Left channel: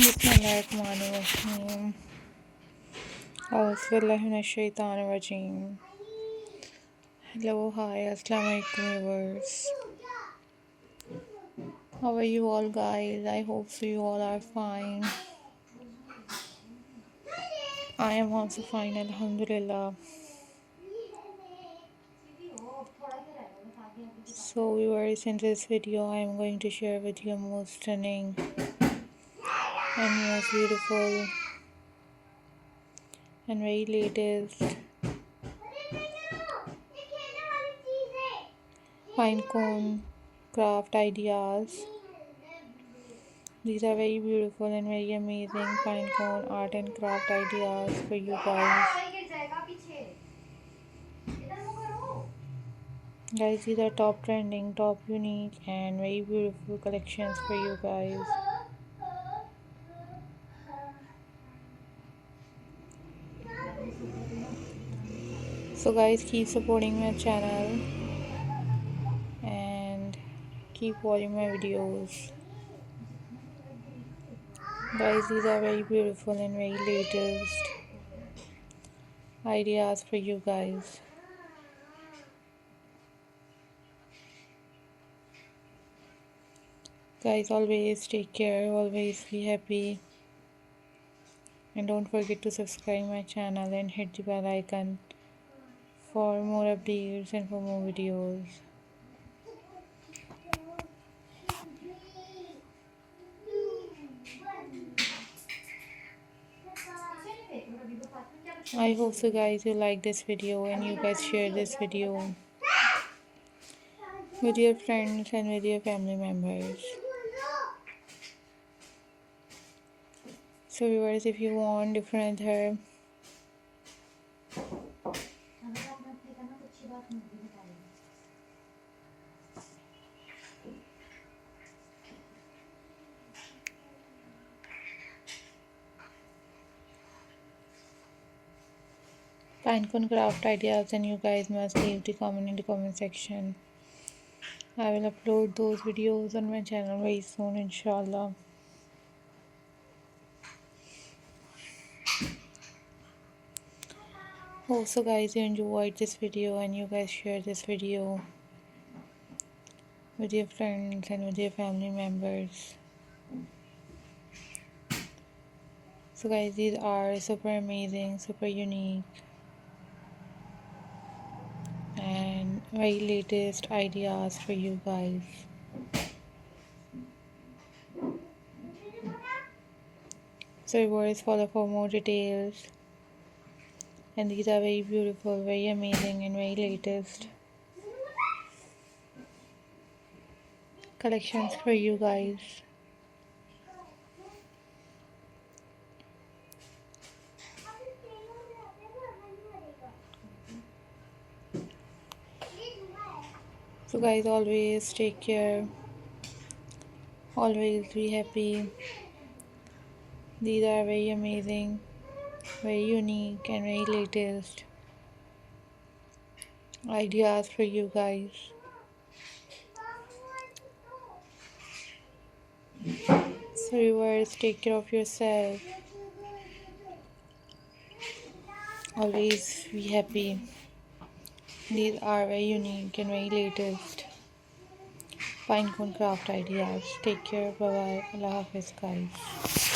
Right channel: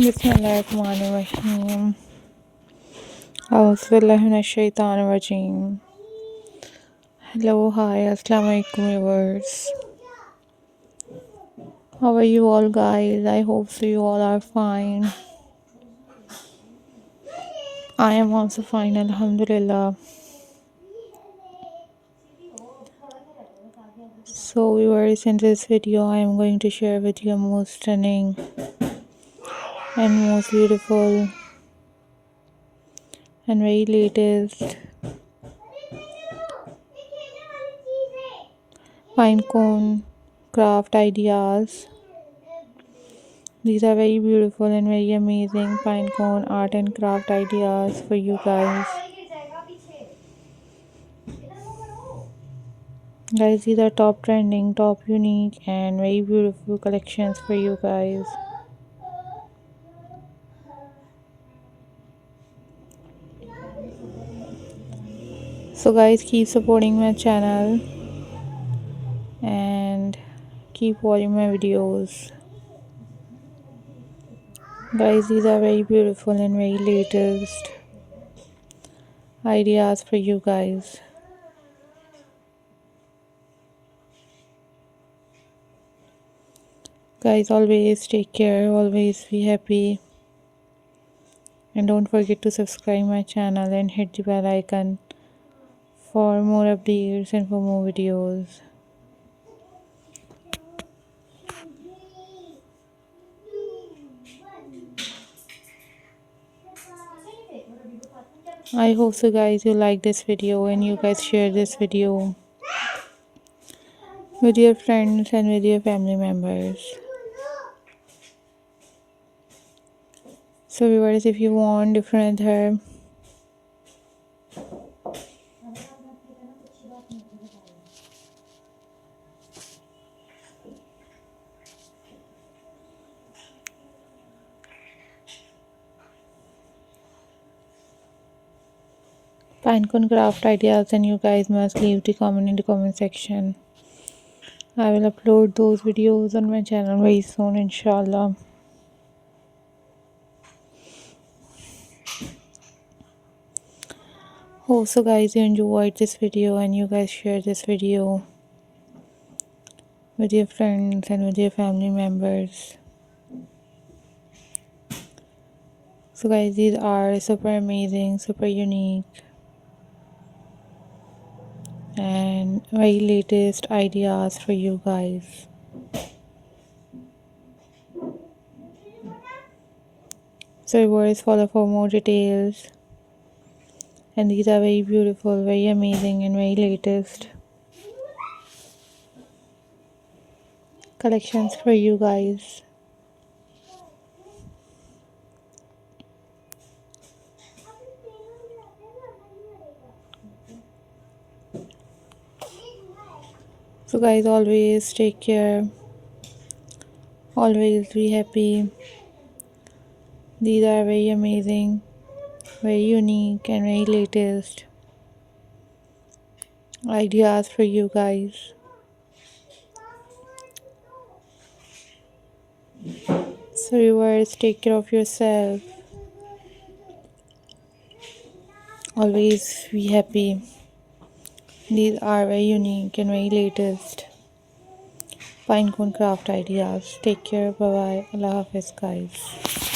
Bismillahirrahmanirrahim. Auzubillahiminash-shaytanir-rajim. Hello, hi, assalamu alaikum viewers. How are you all guys? I hope so you all are fine. I am also fine, alhamdulillah. So viewers, in this video I am going to share with you most stunning and most beautiful and very latest pinecone craft ideas. These are very beautiful and very amazing pinecone art and craft ideas for you guys. Guys, these are top trending, top unique and very beautiful collections for you guys. So guys, keep supporting my channel and keep watching my videos. Guys, these are very beautiful and very latest ideas for you guys. Guys, always take care, always be happy, and don't forget to subscribe my channel and hit the bell icon for more updates and for more videos. I hope so guys you like this video and you guys share this video with your friends and with your family members. So viewers, if you want different hair pinecone craft ideas, then you guys must leave the comment in the comment section. I will upload those videos on my channel very soon, inshallah. Hope so guys you enjoyed this video and you guys share this video with your friends and with your family members. So guys, these are super amazing, super unique and very latest ideas for you guys. So viewers, follow for more details, and these are very beautiful, very amazing and very latest collections for you guys. So guys, always take care, always be happy. These are very amazing, very unique and very latest ideas for you guys. So viewers, take care of yourself, always be happy. These are very unique and very latest pinecone craft ideas. Take care, bye bye, Allah Hafiz guys.